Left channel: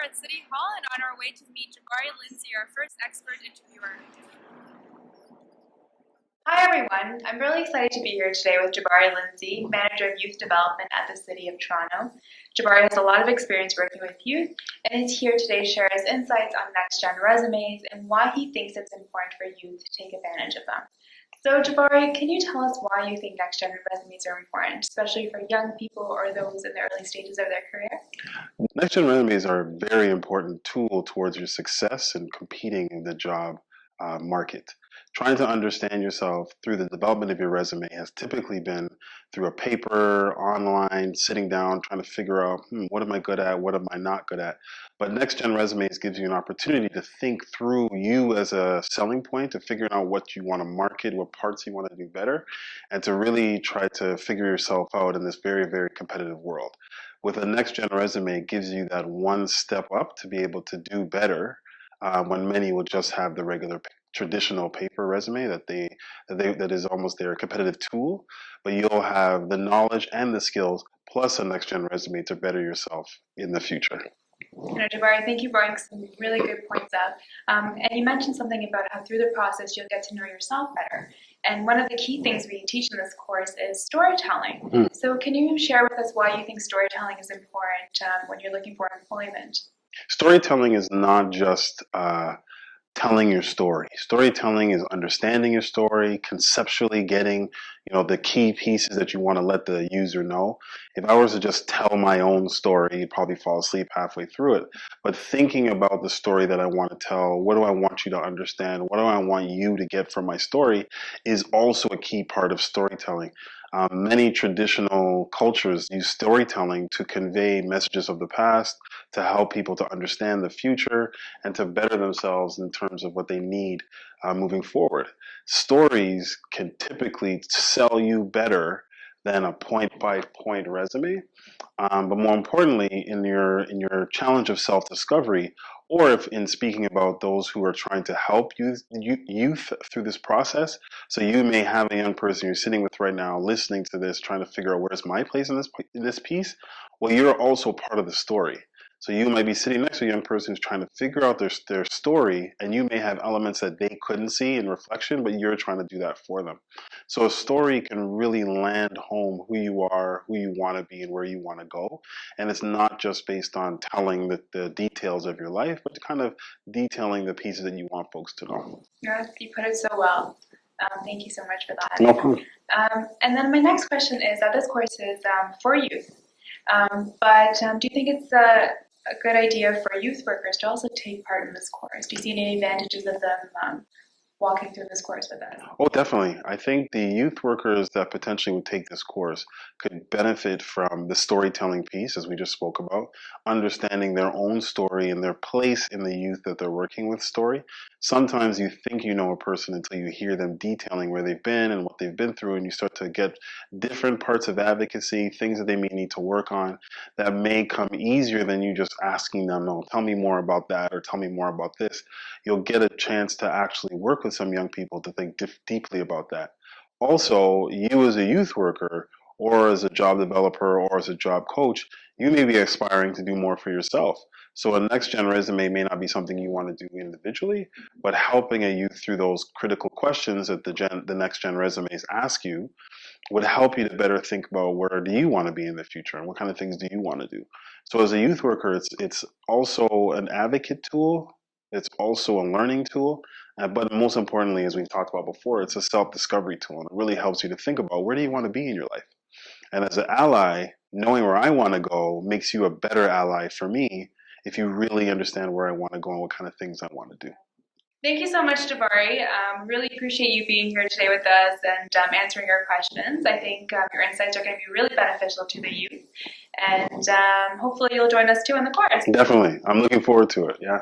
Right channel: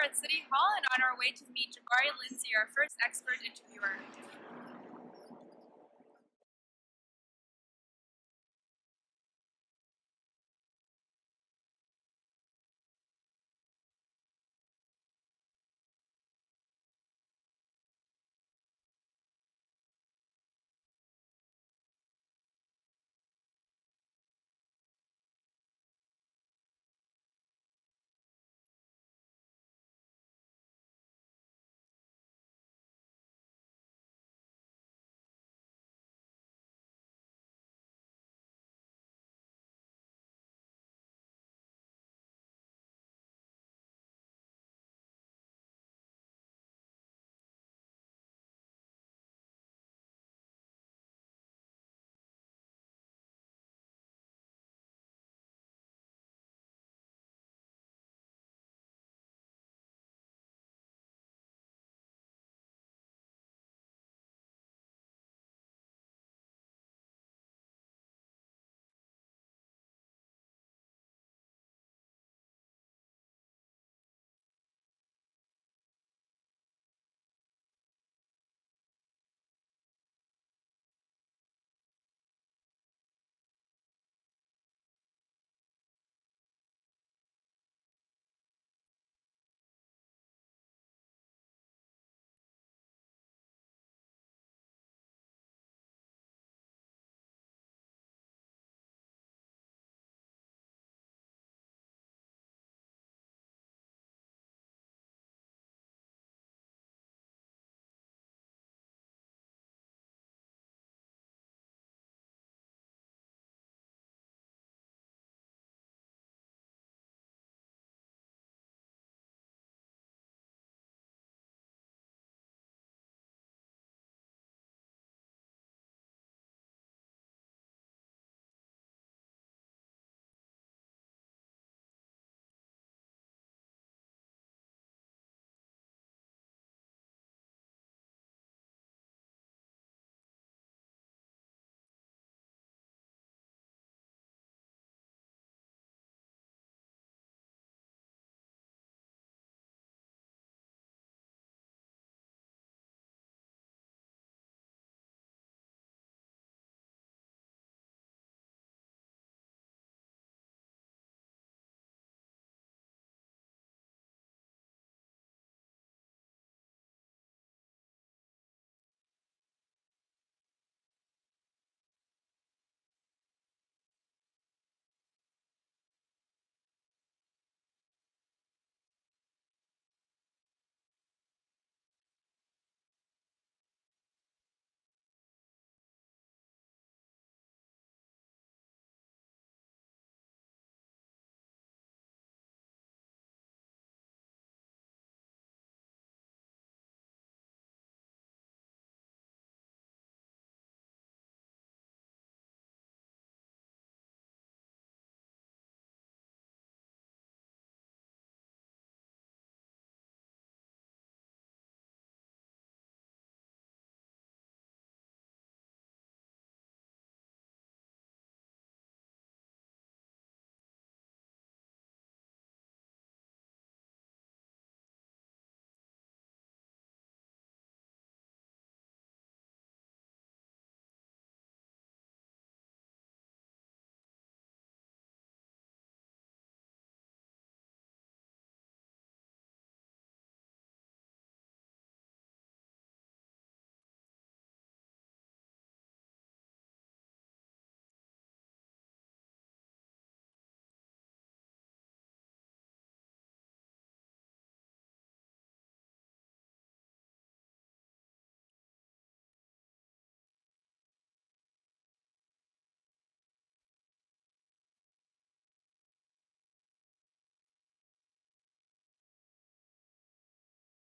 here at City Hall and on our way to meet Jabari Lindsay, our first expert interviewer. Hi everyone, I'm really excited to be here today with Jabari Lindsay, Manager of Youth Development at the City of Toronto. Jabari has a lot of experience working with youth and is here today to share his insights on NextGen Resumes and why he thinks it's important for youth to take advantage of them. So Jabari, can you tell us why you think NextGen Resumes are important, especially for young people or those in the early stages of their career? NextGen Resumes are a very important tool towards your success in competing in the job market. Trying to understand yourself through the development of your resume has typically been through a paper, online, sitting down, trying to figure out, what am I good at, what am I not good at? But NextGen Resumes gives you an opportunity to think through you as a selling point, to figure out what you want to market, what parts you want to do better, and to really try to figure yourself out in this very, very competitive world. With a NextGen Resume, it gives you that one step up to be able to do better when many will just have the regular traditional paper resume that is almost their competitive tool, but you'll have the knowledge and the skills plus a NextGen Resume to better yourself in the future. Jabari, thank you for bringing some really good points up. And you mentioned something about how through the process you'll get to know yourself better. And one of the key things we teach in this course is storytelling. So can you share with us why you think storytelling is important when you're looking for employment? Storytelling is not just telling your story. Storytelling is understanding your story, conceptually getting, the key pieces that you want to let the user know. If I was to just tell my own story, you'd probably fall asleep halfway through it. But thinking about the story that I want to tell, what do I want you to understand? What do I want you to get from my story is also a key part of storytelling. Many traditional cultures use storytelling to convey messages of the past, to help people to understand the future, and to better themselves in terms of what they need moving forward. Stories can typically sell you better than a point-by-point resume, but more importantly, in your challenge of self-discovery, or if in speaking about those who are trying to help youth through this process. So you may have a young person you're sitting with right now, listening to this, trying to figure out where's my place in this piece. Well, you're also part of the story. So you might be sitting next to a young person who's trying to figure out their story, and you may have elements that they couldn't see in reflection, but you're trying to do that for them. So a story can really land home who you are, who you want to be, and where you want to go. And it's not just based on telling the details of your life, but kind of detailing the pieces that you want folks to know. Yeah, you put it so well. Thank you so much for that. No problem. And then my next question is that this course is for youth, but do you think it's a good idea for youth workers to also take part in this course? Do you see any advantages of them walking through this course with us? Oh, definitely. I think the youth workers that potentially would take this course could benefit from the storytelling piece, as we just spoke about, understanding their own story and their place in the youth that they're working with story. Sometimes you think you know a person until you hear them detailing where they've been and what they've been through, and you start to get different parts of advocacy, things that they may need to work on that may come easier than you just asking them, oh, tell me more about that or tell me more about this. You'll get a chance to actually work with some young people to think deeply about that. Also, you as a youth worker or as a job developer or as a job coach, you may be aspiring to do more for yourself. So a NextGen resume may not be something you want to do individually, but helping a youth through those critical questions that the NextGen resumes ask you would help you to better think about where do you want to be in the future and what kind of things do you want to do. So as a youth worker, it's also an advocate tool. It's also a learning tool, but most importantly, as we've talked about before, it's a self-discovery tool, and it really helps you to think about where do you want to be in your life. And as an ally, knowing where I want to go makes you a better ally for me if you really understand where I want to go and what kind of things I want to do. Thank you so much, Jabari. Really appreciate you being here today with us and answering our questions. I think your insights are going to be really beneficial to the youth, and hopefully you'll join us too in the course. Definitely. I'm looking forward to it. Yeah.